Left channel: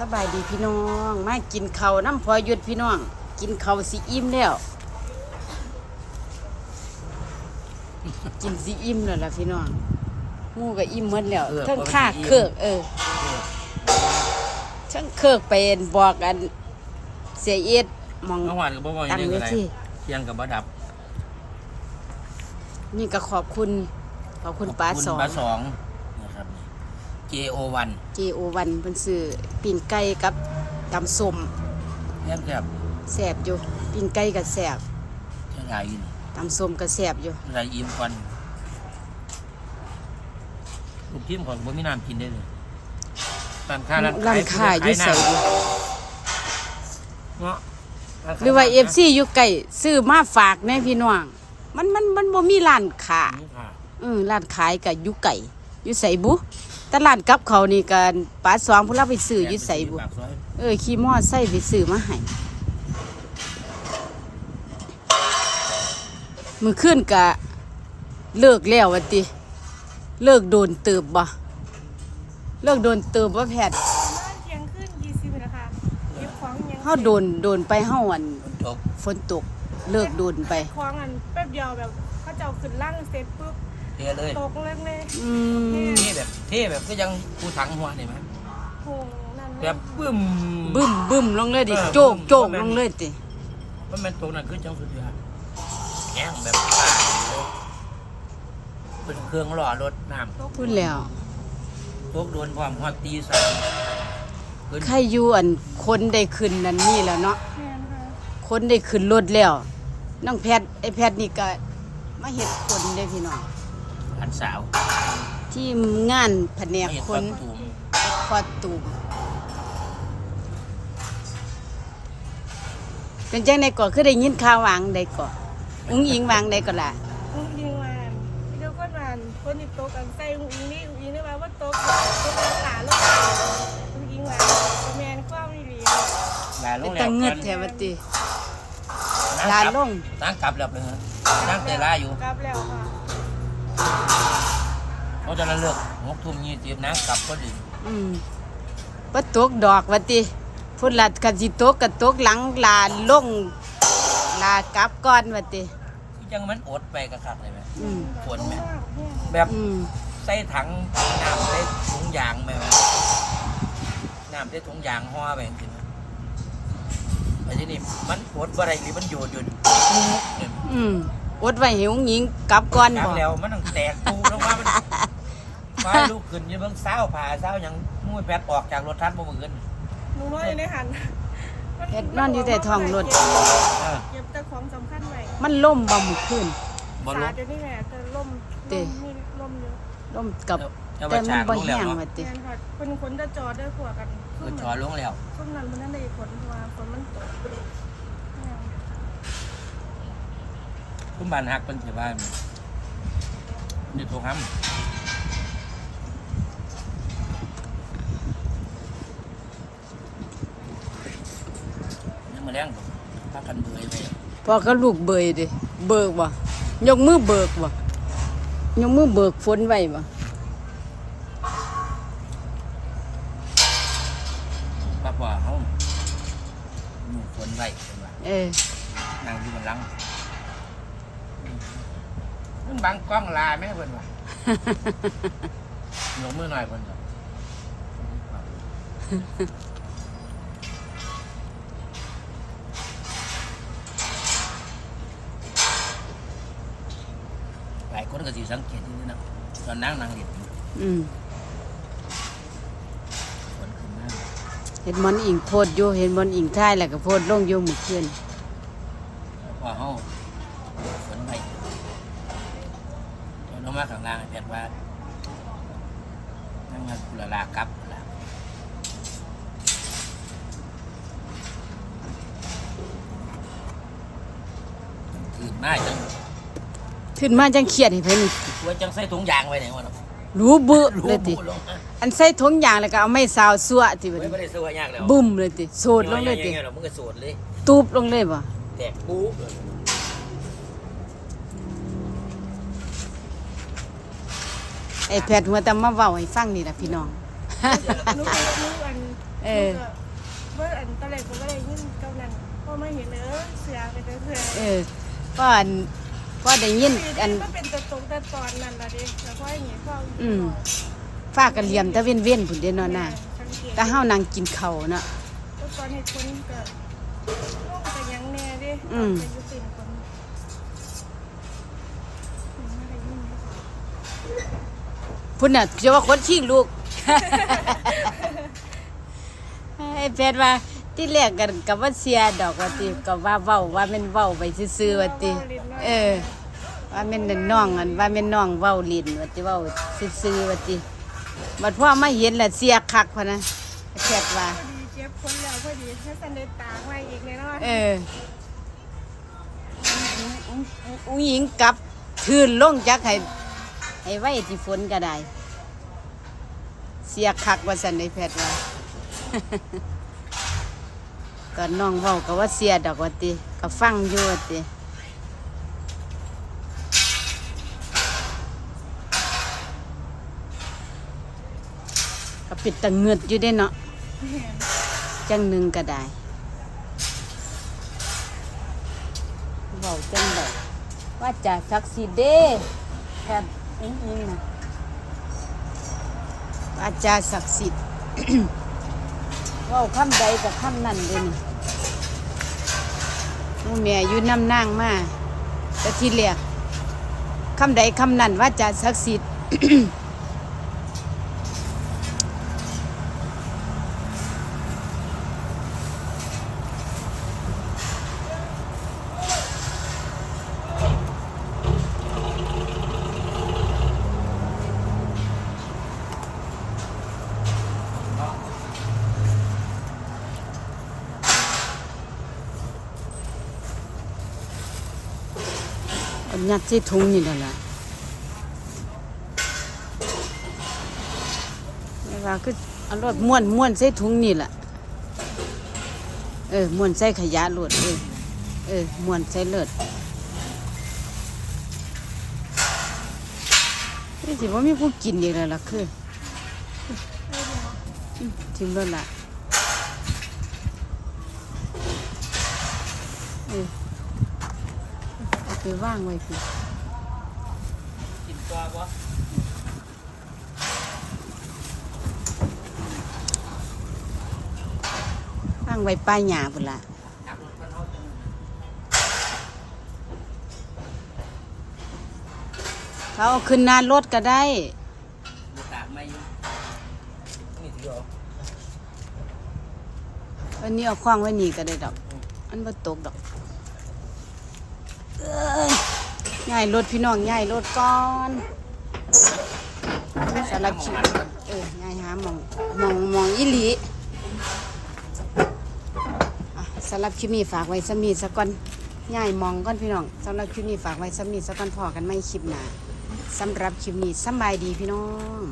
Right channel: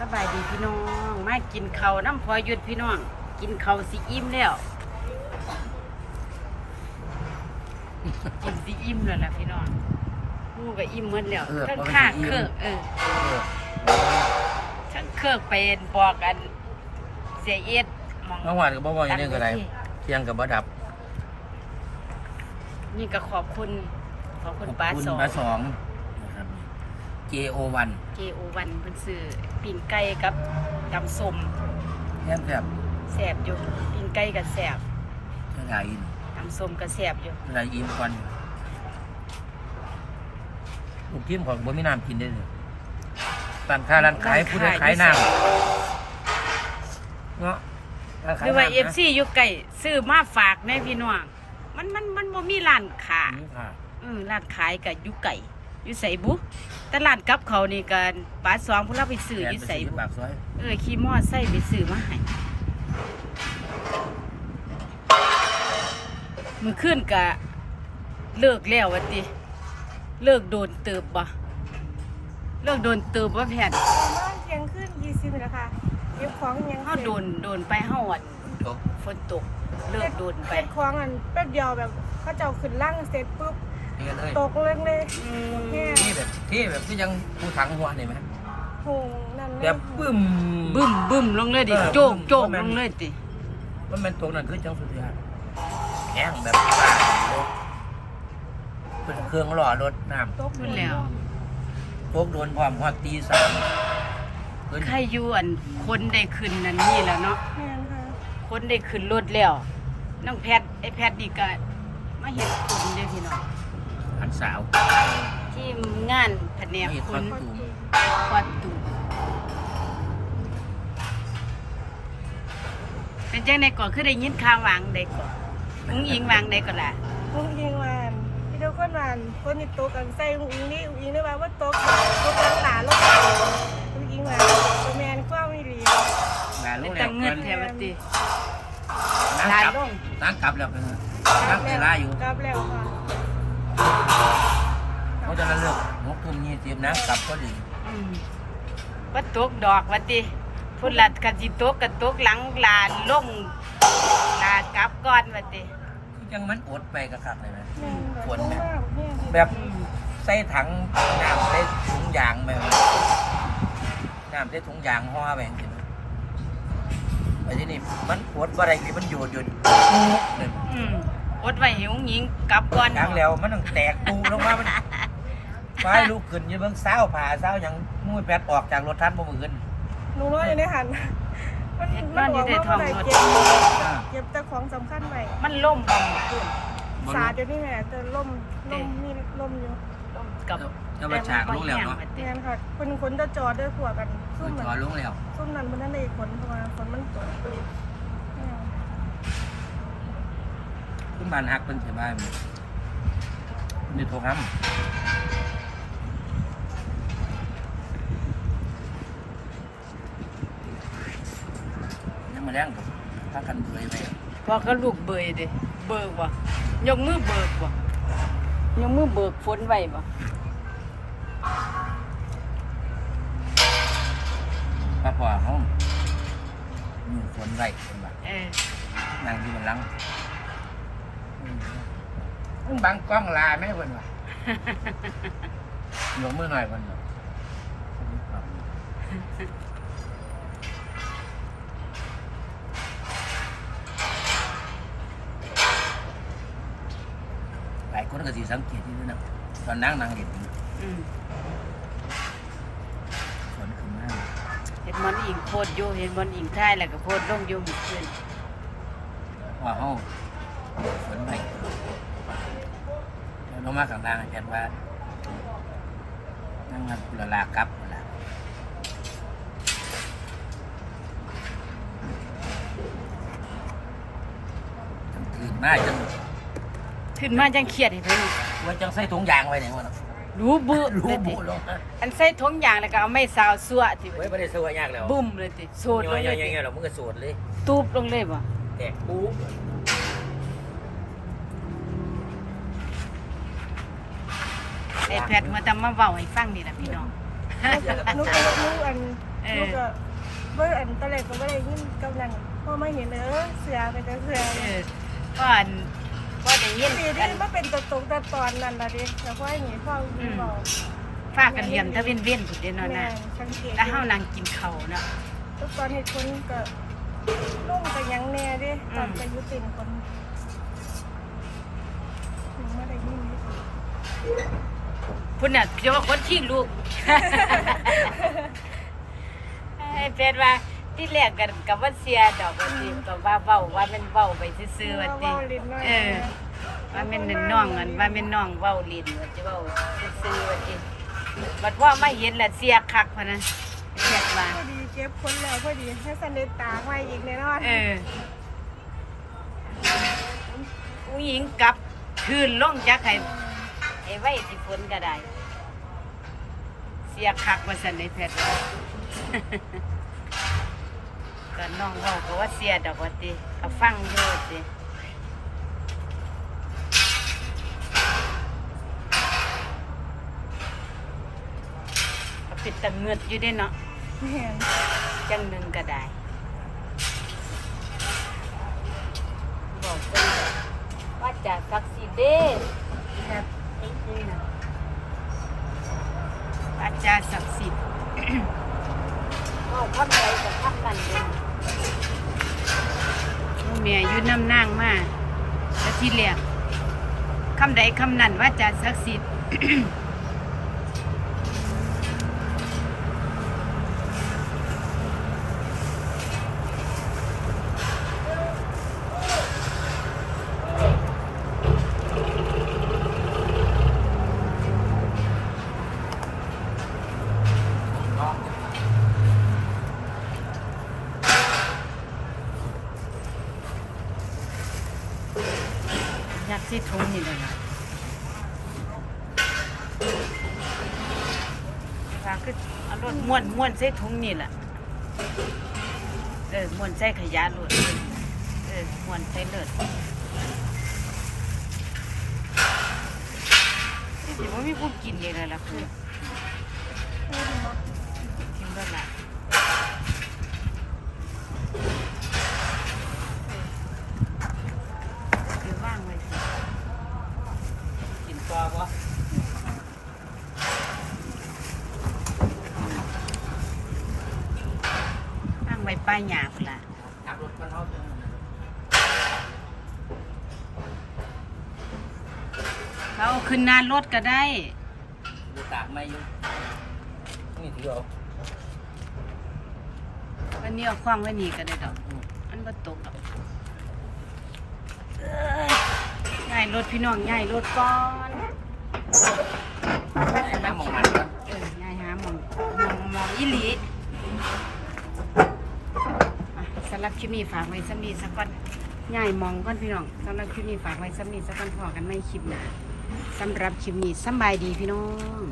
สบายดีพี่น้องมากินข้าวน้ำพอหยุดพี่น้อง กินข้าวสิอิ่มแล้วกินสิอิ่มแล้วล่ะพี่น้องหมูก็อิ่มหมดแล้วเออทั้งพอมันค่าสิอิ่มเครือกเออทั้งเครือกเป็นบอกกัน เสียเอ็ดมองเมื่อวานก็บ่บอกอย่างนี้ก็ได้อันนี้สิเที่ยงกับบ่ดับ นี่ก็ขอบคุณ ขอบคุณป้าขอบสองป้าสองนะครับ JO1 เจโอวันเป็นซื้อปีนไก่กับตำส้มแซ่บแซ่บแสบอยู่ปีนไก่กับแสบเท่าไหร่อินตำส้มกับแสบอยู่เท่าไหร่อิ่มก่อนลูกทีมของบ่มีน้ำกินได้เลยร้านค้าร้านขายผู้ใดขายน้ำเนาะนขหรือว่าน้ำเอฟนะซีอยู่ไก่ซื้อมาฝากแม่พี่น้องมันมันมันบ่มีร้านค้านี่ค่ะเออร้านขายกับอยู่ไก่อยู่ใส่บุแต่ร้านกับเขาวนี่กันป้าสองผู้รับไปซื้ออยู่ใส่บุปากซอยเออขี่มอไซค์ไปซื้อมาให้มือขึ้นกะเลิกแล้ววะติ เลิกโดนเติบบ่เลิกโดนเติบว่าแพทย์นอนเที่ยงขึ้นยี่สิบแล้วค่ะเก็บของยังเฮาโดนโดนไปเฮาอันจบฝนตกเลิกโดนไปเก็บของอันแป๊บเดียวแบบเขาเจ้าขึ้นล่างเสร็จปุ๊บเทเลยตกเลยเลยอืมนี่แบบ เทแบบก็ยังผู้ถังหัวนี่ไหมโหนั่นแบบปึ้ม บึ้มบึ้มลงเลยดิเออโจกโจกบึ้มลงเลยติว่ามันตรงนั้นคือจังสุดยอดแห้งแบบป้าอยู่เลยเป็นเครื่องหล่อรถน้ำพูดแล้ว พวกโดนพร้อมฮอดตีสามขึ้นใครอยู่อันคนได้ขึ้นนั่นนี่แล้วเนาะแม่นค่ะคนได้ขึ้นรถแล้วน้องแพทย์ไอ้แพทย์นี่ก็มาเฮ็ดคนเด้อพี่น้อง อันสาวที่งานแผนกนี่คคนนตูมควัดตูมเป็นจังไดก่อนคือได้ยินข่าววางใดก่อนอุ้งอิงวางใดก่อนล่ะอุ้งอิงวานพี่เจ้าคนวานคนที่ตกกันใส่อุ้งอิงนี่อุ้งอิงได้ว่าว่าตกแบบตกหลังหลาลงไปอุ้งอิงวานตัวแมนความไม่ดีลาลเป็นงแล้แต่วเงิดกันแถวติ นั่ลางกลับลง นั่งกลับแล้วเป็นไงกลันั่บงแต่แล้วลาอยู่กลับแล้วค่ะ เพราะฉะนั้นเลิกหกทุ่มยี่สิบนั่งกลับก็ดีอืมบ่ตกดอกว่าติพุ่นละกันสิตกก็ตกหลังลาลงลากลับก่อนว่าติที่จังมันอดไปกระคักเลยไหมอืมฝนไหมแบบอืมใส่ถังน้ำใส่ถุงยางไหมน้ำใส่ถุงยางห่อไปจริงๆไปที่นี่มันปวดอะไรที่มันโยดโยดเลยไหม อืมอดไว้ให้อุ้งอิงกลับก่อน กลางบ่แล้วมันต้องแตกตูลงมา มัน ไฟลุกขึ้นอยังเบิ่งเศร้าผ่าเศร้าหยังมุ้ยแปดออกจากรถทันบ่มือขึ้นหนูว่าอยู่ในหันเฮ็ดบ้านอยู่ใต้ท้องรถเก็บเออเก็บแต่ของสำคัญไว้มันล่มบ่มื้อคืนบ่สาลุดกเดี๋ยวนี้แม่จะล่มเด้ล่มมีล่มอยู่ล่มกับ จะแต่มามัฉานกบ่ลงแล้วแห้งเนาะว่าติ แม่นค่ะคนคนจะจอดด้วยขวกันซุ่มจมันอลงแล้วซุ่มนั้นมันนั่นได้ผลเพราะว่าฝนมันตกแม่นขึ้นบ้านฮักเป็นถือบ้านนี่โทรคำยังมาแรงกับพักกันเบื่อไปพอก็ลูกเบยดิเบิกบ่ยกมือเบิกบ่ยกมือเบิกฝนไว้บ่ป้าป่าเขาหนูฝนไว้เป็นว่าเออนั่งอยู่บนหลังมันบังกล้องลาไหมเพิ่นว่ะยกมือหน่อยเพิ่นว่ะหลาย ก็สิสังเกตอยู่นะตอนนั่งนั่งเห็นอืมฝนขึ้นมาเห็นมันอิงโพดอยู่เห็นมันอิงค่ายแล้วก็โพดลงอยู่มื้อคืนแล้วพอเฮาฝนไปเดี๋ยวลงมาข้างล่างอาจารย์ว่านั่งมากุลลากลับพุ่นละจังถือมาจัง ขึ้นมาจังเครียดให้เพิ่นว่าจังใส่ถุงยางไว้ไหนวะเนาะรู้เบ้อรู้เลยติบุลงมาอันใส่ถุงยางแล้วก็เอาไม้ซาวซัวติไว้ไม่ได้ซื้อยากแล้วบุ้มเลยติโซดลย่องยเลยติๆๆเรามึงก็สวดเลยตูบลงเลยบ่แตกปูไอ้แพทย์หัวแต่มาเว้าให้ฟังนี่ล่ะพี่น้องหนูก็หนูอันเอหนูอก็เมื่ออันตอนแรกก็ไม่ได้ยินกำนันพอมาเห็นเออเสือไปแต่เสือเออก่อน พ่อได้ยินสีอันี่นก็เป็นตัวตรงแต่ตอนนั้นละดิแต่ว่าอย่างนี้พ่ออืยิงมบอกฟ้ากันเหลี่ยมตะเว้นเว้นพุ่นเด้อเนาะแม่น่ะสังเกตแต่เฮานั่งกินข้าวเนาะทุกตอนเห็นคนก็ล่มกันยังแน่ดิตอนไปยุตินคนยังไม่ได้ยินเลยพุ่นน่ะสิว่าคนขี้ลูก ไอ้แพทย์ว่า ที่แรกกันกับว่าเสียดอกว่าติก็ว่าเว้าว่าแม่นเว้าไปซื่อๆว่าติเออ ว่าแม่นนั่นน้องอันว่าแม่นน้องเว้าลิ้นว่าติเว้าซื่อๆว่าติบัดพ่อมาเห็นแล้วเสียคักพะนะไอ้แพทย์ว่าพอดีเจ็บคนแล้วพอดีให้สันเดตากไว้อีกแน่นอนเอออุ้งหญิงกลับทืนลงจักให้ให้ไว้ที่ฝนก็ได้ เสียคักว่าสันในแพทย์ว่า ตอนน้องเว้าก็ว่าเสียดอกว่าติก็ฟังอยู่ว่าติก็ปิดตะเงือดอยู่ได้เนาะแม่นจังหนึ่งก็ได้บอกจังเลยว่าจากศักดิ์สิทธิ์เด้ตอนนี้นี่นะอาจารย์ศักดิ์สิทธิ์ เว่าคำใดกับคำนั้นเด้นี่ แม่อยู่น้ำนางมาแต่ที่เรียกคำใดคำนั้นว่าจะศักดิ์สิทธิ์ ยัดที่ถุงนี่แหละล่ะแต่ว่าคือเอารถม้วนม้วนใส่ถุงนี่แหละเออม้วนใส่ขยะรถเออเออม้วนใส่เลือดนี่สิว่ามีผู้กินอีกแล้วล่ะคือเออดีมั้ยทิ้งไว้ละเออ คือว่างไว้สิกินตัวบ่ว่างไว้ป้ายหยาพุ่นละขับรถมาเท่าจังเขาเอาขึ้นหนารถก็ได้ดูตากไม่อยู่นี่ถือเอาวันนี้เอาคว้างไว้นี่ก็ได้ดอก อันบ่ตกดอกเอ้ย ง่ายรถพี่น้องง่ายรถก่อนสำรับคลิปเออง่ายหามองมองมองอีหลีสำหรับคลิปนี้ฝากไว้สมีสักก่อนง่ายมองก่อนพี่น้องสำหรับคลิปนี้ฝากไว้สมีสักก่อนพอกันไม่คลิปหนาสำหรับคลิปนี้สบายดีพี่น้อง